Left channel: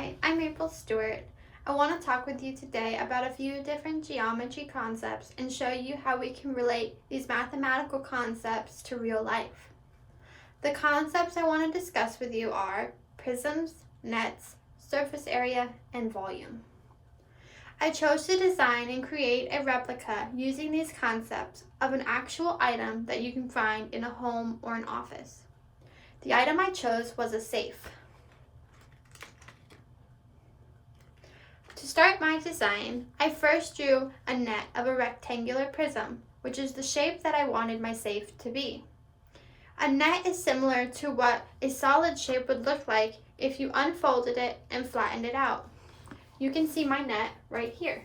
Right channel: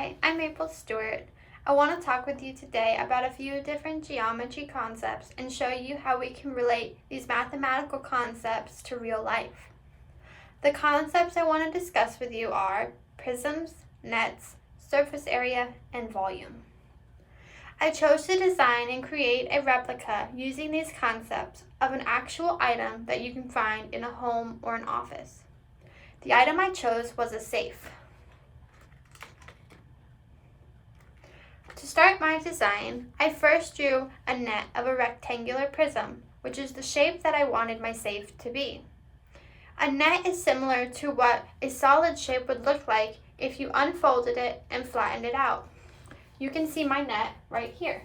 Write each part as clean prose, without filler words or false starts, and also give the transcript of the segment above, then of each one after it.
Hi, I'm Maple Stewart. I want to talk with you today about a few different geometry concepts and show you how we can relate these mathematical concepts to real life. The concepts I want to discuss with you are prisms, nets, surface area, and volume. I chose to design and create a replica using these concepts of an actual item that you can find in a home or an office. The item I chose was a safe. To start my design, I first drew a net of a rectangular prism, which is the shape that I wanted my safe to be. A net is similar to what a solid shape would look like if you unfolded it and flattened it out. You can see my net right here.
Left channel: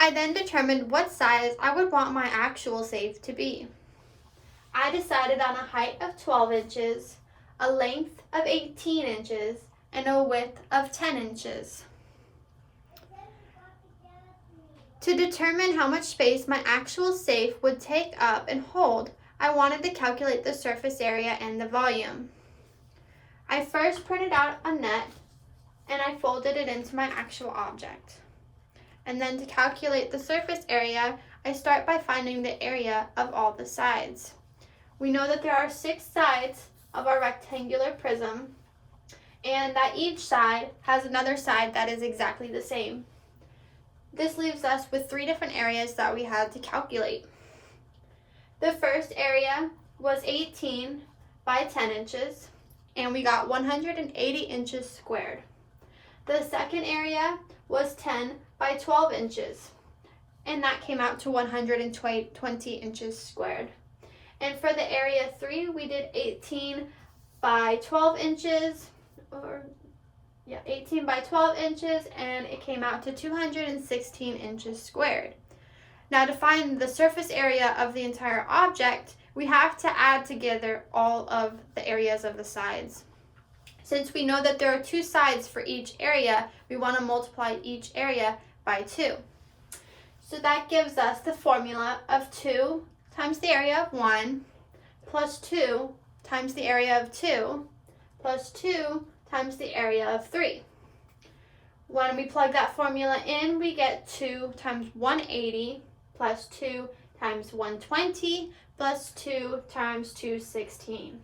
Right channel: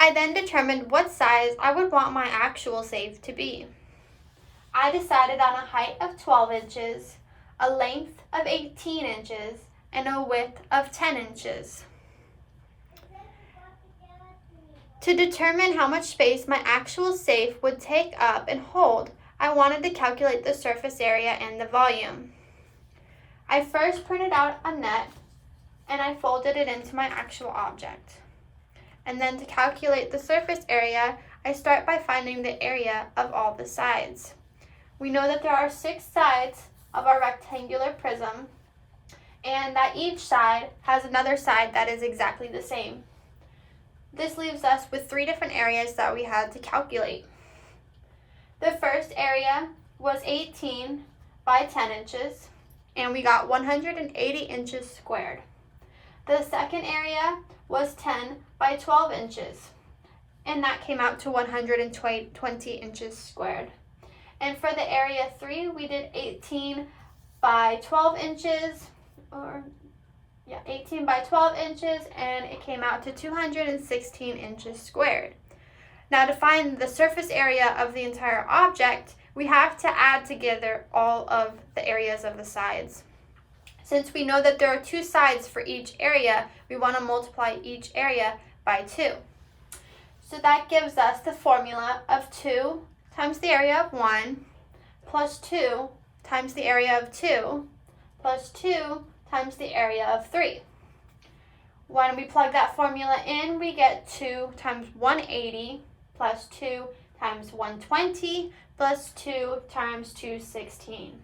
I then determined what size I would want my actual safe to be. I decided on a height of 12 inches, a length of 18 inches, and a width of 10 inches. To determine how much space my actual safe would take up and hold, I wanted to calculate the surface area and the volume. I first printed out a net and I folded it into my actual object. And then to calculate the surface area, I start by finding the area of all the sides. We know that there are 6 sides of our rectangular prism, and that each side has another side that is exactly the same. This leaves us with 3 different areas that we had to calculate. The first area was 18 by 10 inches, and we got 180 inches squared. The second area was 10 by 12 inches, and that came out to 120 inches squared. And for the area 3, we did 18 by 12 inches, 18 by 12 inches, and it came out to 216 inches squared. Now to find the surface area of the entire object, we have to add together all of the areas of the sides. Since we know that there are 2 sides for each area, we want to multiply each area by 2. So that gives us the formula of 2 times the area of 1 plus 2 times the area of 2 plus 2 times the area of 3. When we plug that formula in, we get 2 times 180 plus 2 times 120 plus 2 times 216.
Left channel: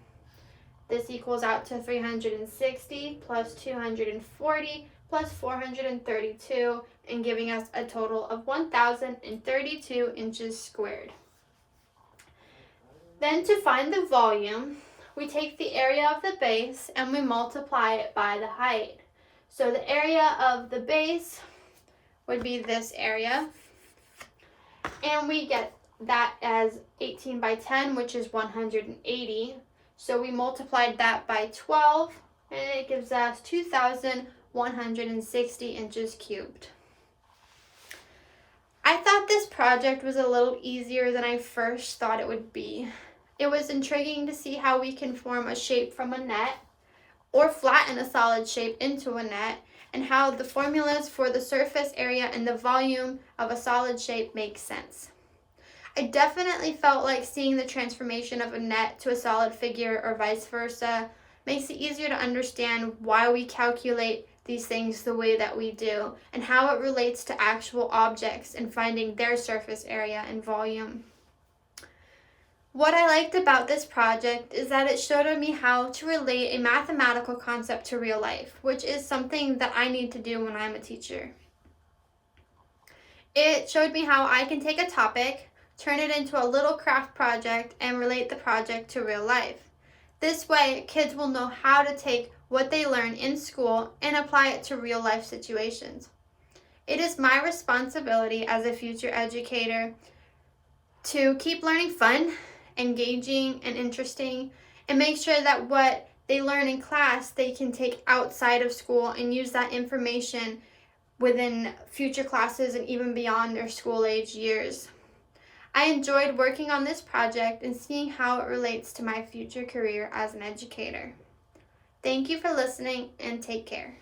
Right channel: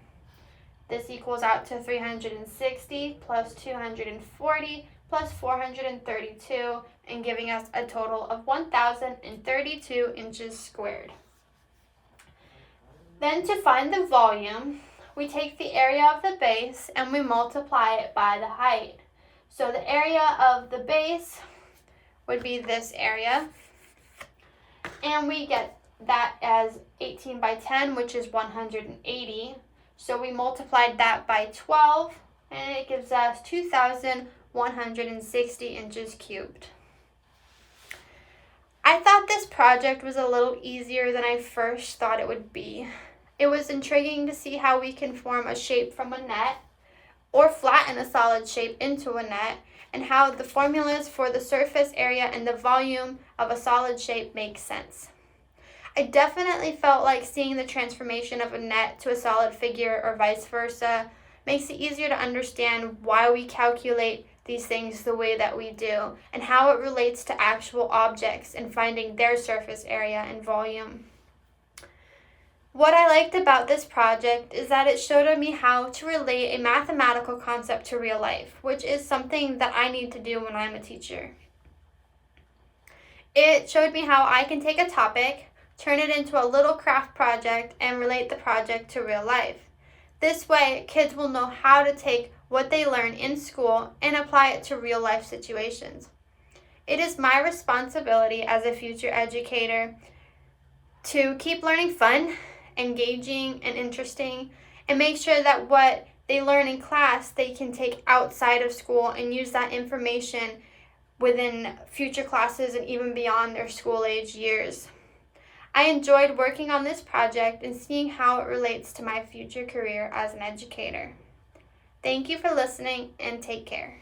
This equals out to 360 plus 240 plus 432, and giving us a total of 1,032 inches squared. Then to find the volume, we take the area of the base and we multiply it by the height. So the area of the base would be this area, and we get that as 18 by 10, which is 180. So we multiplied that by 12, and it gives us 2,160 inches cubed. I thought this project was a little easier than I first thought it would be. It was intriguing to see how we can form a shape from a net or flatten a solid shape into a net, and how the formulas for the surface area and the volume of a solid shape make sense. I definitely felt like seeing the transformation of a net to a solid figure or vice versa makes it easier to understand why we calculate these things the way that we do and how it relates to actual objects and finding their surface area and volume. What I liked about this project is that it showed me how to relate a mathematical concept to real life, which is something that I need to do when I'm a teacher. It showed me how I can take a topic, turn it into a little craft project, and relate the project to real life. This way, kids will know how to take what they learn in school and apply it to real life situations. It is my responsibility as a future educator to keep learning fun, engaging, and interesting, and make sure that what they learn in class they can take outside of school and use that information within future classes and even beyond their school age years. I enjoyed working on this project and seeing how it relates to my future career as an educator. Thank you for listening, and take care.